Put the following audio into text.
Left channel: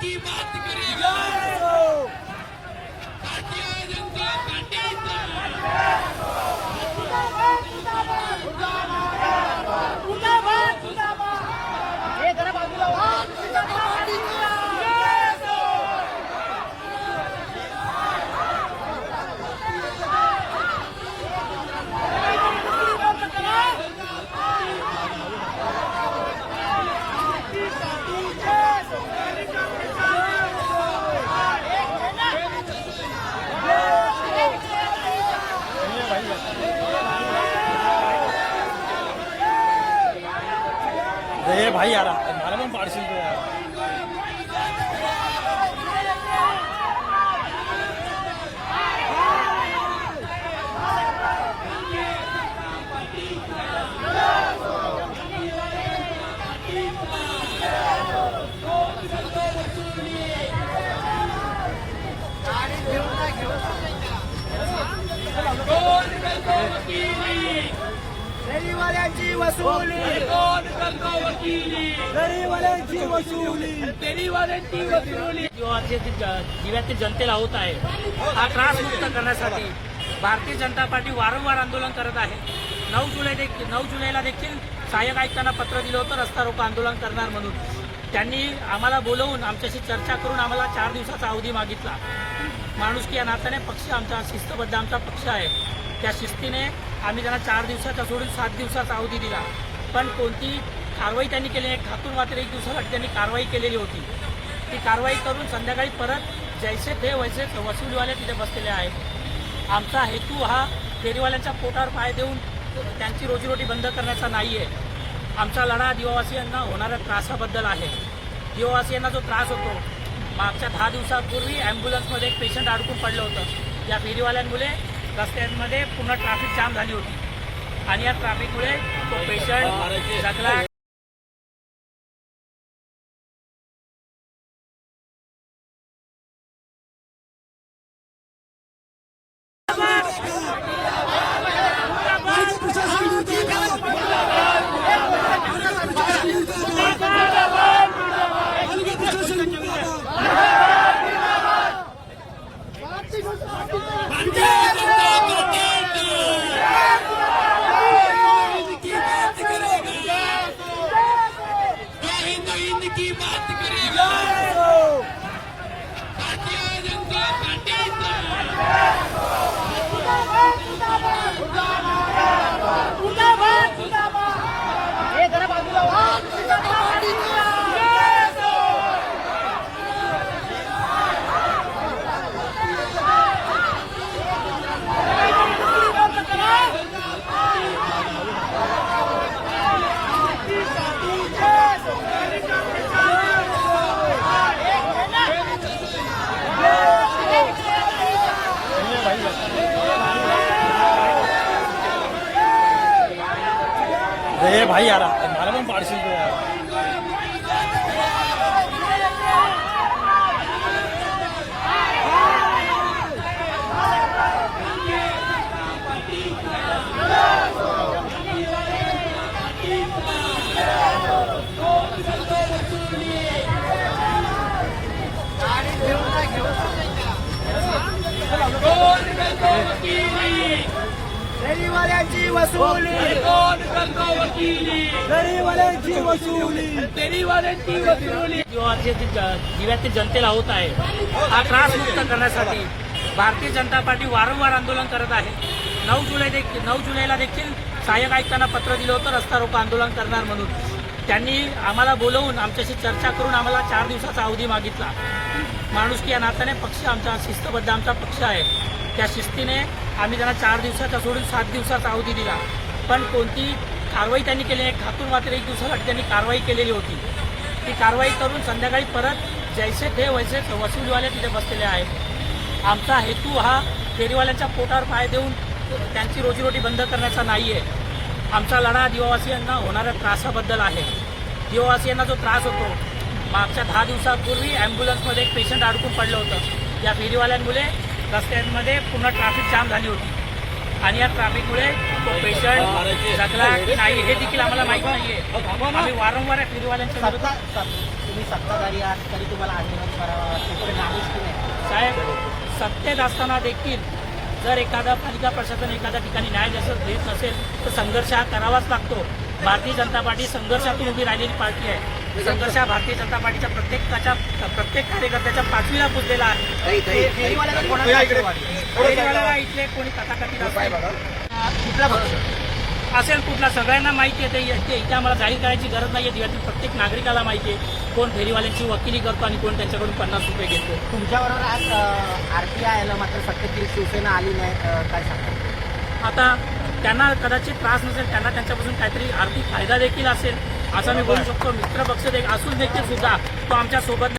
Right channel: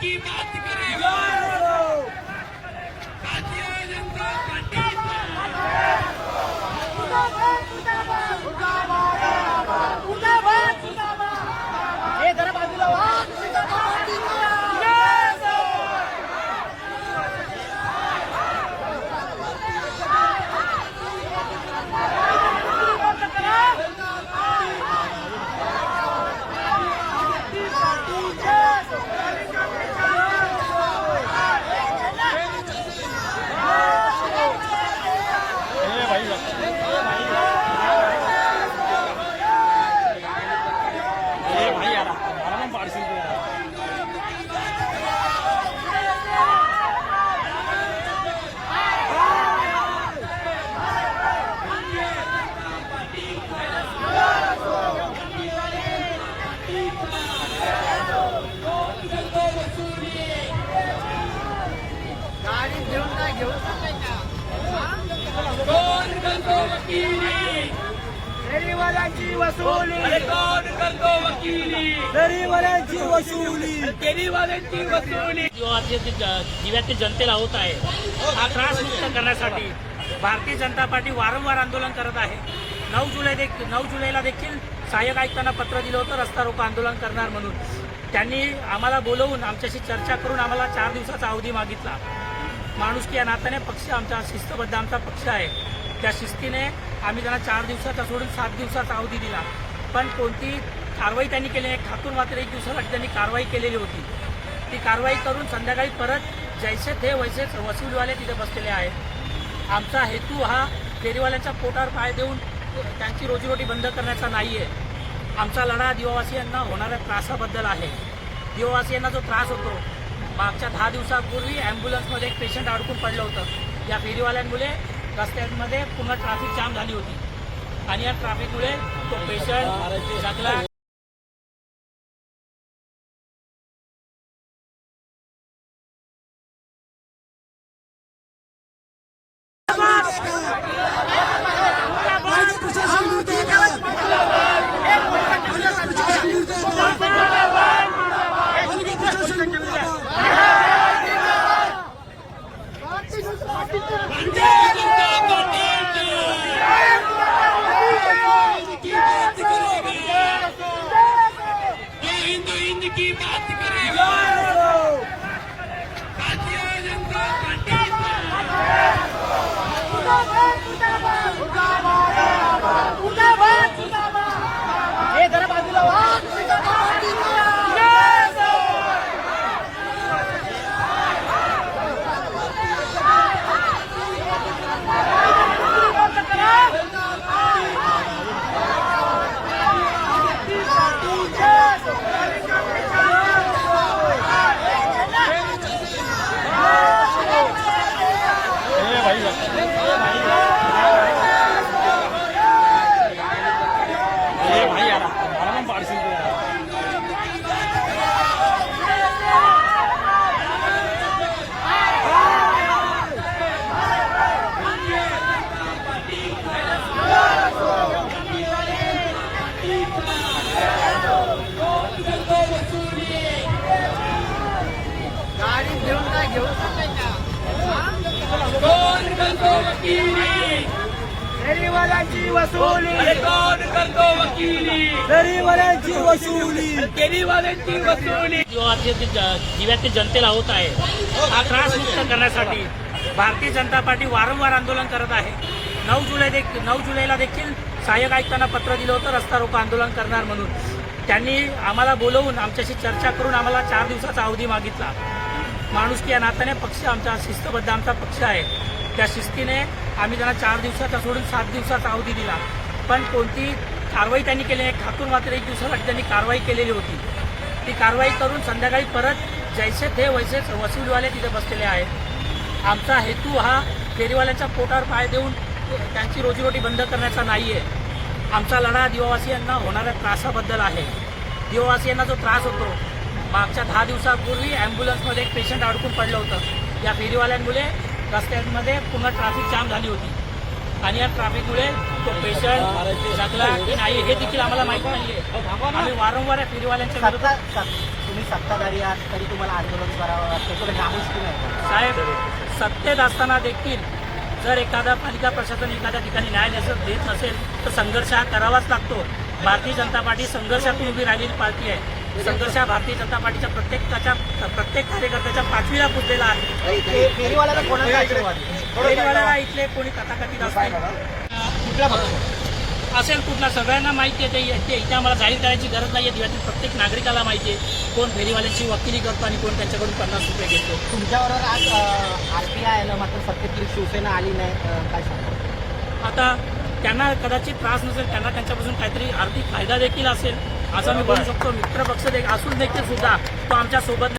की बात करेगा दिव्यातील जनतेला होत आहे हा त्रास मुक्त करण्यासाठी भारतीय जनता पार्टी वारंवार आंदोलन करत आहे. नऊ जुलै नऊ जुलैला देखील सहाय्यक आयुक्तांना पत्र दिलं होतं रस्ता रोको आंदोलन करणार म्हणून. त्यांनी आम्हाला बोलवून आमच्याशी चर्चा करून आम्हाला चार दिवसाचा अवधी मागितला. माणुसकी या नात्याने पक्ष आमचा शिस्तबद्ध आमचा पक्ष आहे. त्या शिस्तीने आम्ही त्यांना चार दिवसाचा सोडून सात दिवसाचा अवधी दिला. पण कोणती कारवाई त्यांनी केली नाही ठाकूर मात्र एक दिवसासाठी त्यांनी कारवाई केलेली होती. ती कारवाई करून संध्याकाळी परत जैसे थे वैसे वसुलीवाले तिथे बसलेले आहेत. आमचा हेतू हा फेरीवाल्यांच्या पोटावर पाय देऊन त्यांची रोजीरोटी बंद करण्याचा नाही आहे आमचा लढा आदिवासियांना होणाऱ्या त्रासाबद्दल आहे. दिवासियांना जो त्रास होतो मागच्या दहा दिवसापूर्वी ॲम्ब्युलन्समध्ये एक पेशंट अडकून पडलं होतं. या फेरीवाल्यांमुळे रस्त्यांमध्ये पूर्ण ट्रॅफिक जाम झाली होती. आणि या ट्रॅफिकमुळे तो पेशंट जगला ए फेरीवाल्यांची वसुली. फेरीवाल्यांची वसुली. फेरीवाल्यांची वसुली. दिव्यातील जनतेला होत आहे हा त्रास मुक्त करण्यासाठी भारतीय जनता पार्टी वारंवार आंदोलन करत आहे. नऊ जुलै देखील नऊ जुलैला देखील सहाय्यक आयुक्तांना पत्र दिलं होतं रस्ता रोको आंदोलन करणार म्हणून. त्यांनी आम्हाला बोलवून आमच्याशी चर्चा करून आम्हाला चार दिवसाचा अवधी मागितला. माणुसकी या नात्याने पक्ष आमचा शिस्तबद्ध आमचा पक्ष आहे. त्या शिस्तीने आम्ही त्यांना चार दिवसाचा सोडून सात दिवसाचा अवधी दिला. पण कोणती कारवाई त्यांनी केली नाही खातून मात्र एक दिवसासाठी त्यांनी कारवाई केलेली होती. ती कारवाई करून संध्याकाळी परत जैसे थे वैसे वसुलीवाले तिथे बसलेले आहेत. आमचा हेतू हा फेरीवाल्यांच्या पोटावर पाय देऊन त्यांची रोजीरोटी बंद करण्याचा नाही आहे आमचा लढा आदिवासीयांना होणाऱ्या त्रासाबद्दल आहे. आदिवासीयांना जो त्रास होतो मागच्या दहा दिवसापूर्वी अँब्युलन्समध्ये एक पेशंट अडकून पडलं होतं. या फेरीवाल्यांमुळे रस्त्यांमध्ये पूर्ण ट्रॅफिक जाम झाली होती. आणि या ट्रॅफिकमुळे तो पेशंट जगला की नाही हे देखील आम्हाला माहिती नाहीये. आम्ही वारंवार या फेरीवाल्यांच्या विरोधात तुम्ही सत्ताधारी आहात तरी तुम्हाला आंदोलन करावं की नाही? साहेब सत्तेत असताना देखील जर एखादा पालिका प्रशासन एखाद्या ठिकाणी न्याय देस- देत नसेल तर संघर्ष हा करावाच लागतो. भारतीय जनता पार्टी संघर्षातून उभी राहिलेली पार्टी आहे. संघर्ष हा भारतीय जनता पार्टीच्या प्रत्येकाच्या प्रत्येक कार्यकर्त्याच्या पाचवीला पुजलेला आहे. फेरीवाल्याला इथले कोणी तथाकथित असतील कुठला पक्ष असेल कुठला सगळ्यांना माहिती आहे ते इथे आम्हाला जाहीर करायची गरज नाही आहे प्रत्येक नागरिकाला माहिती आहे कोण फेरीवाल्यांची वकिली करतो आणि कोण त्यांच्याकडून पन्नास रुपये घेतो. तुमच्याबरोबर आज आरपीआय आलं मात्र सत्तेतील शिवसेना आली नाही काय सांगता? आता त्यांना कदाचित त्रास नसेल त्यांना त्यांच्यापासून काहीतरी आर्थिक फायदा देखील असेल. असं मी बोलू शकतो. मित्रपक्ष देखील असून देखील सुद्धा तो आमच्यासोबत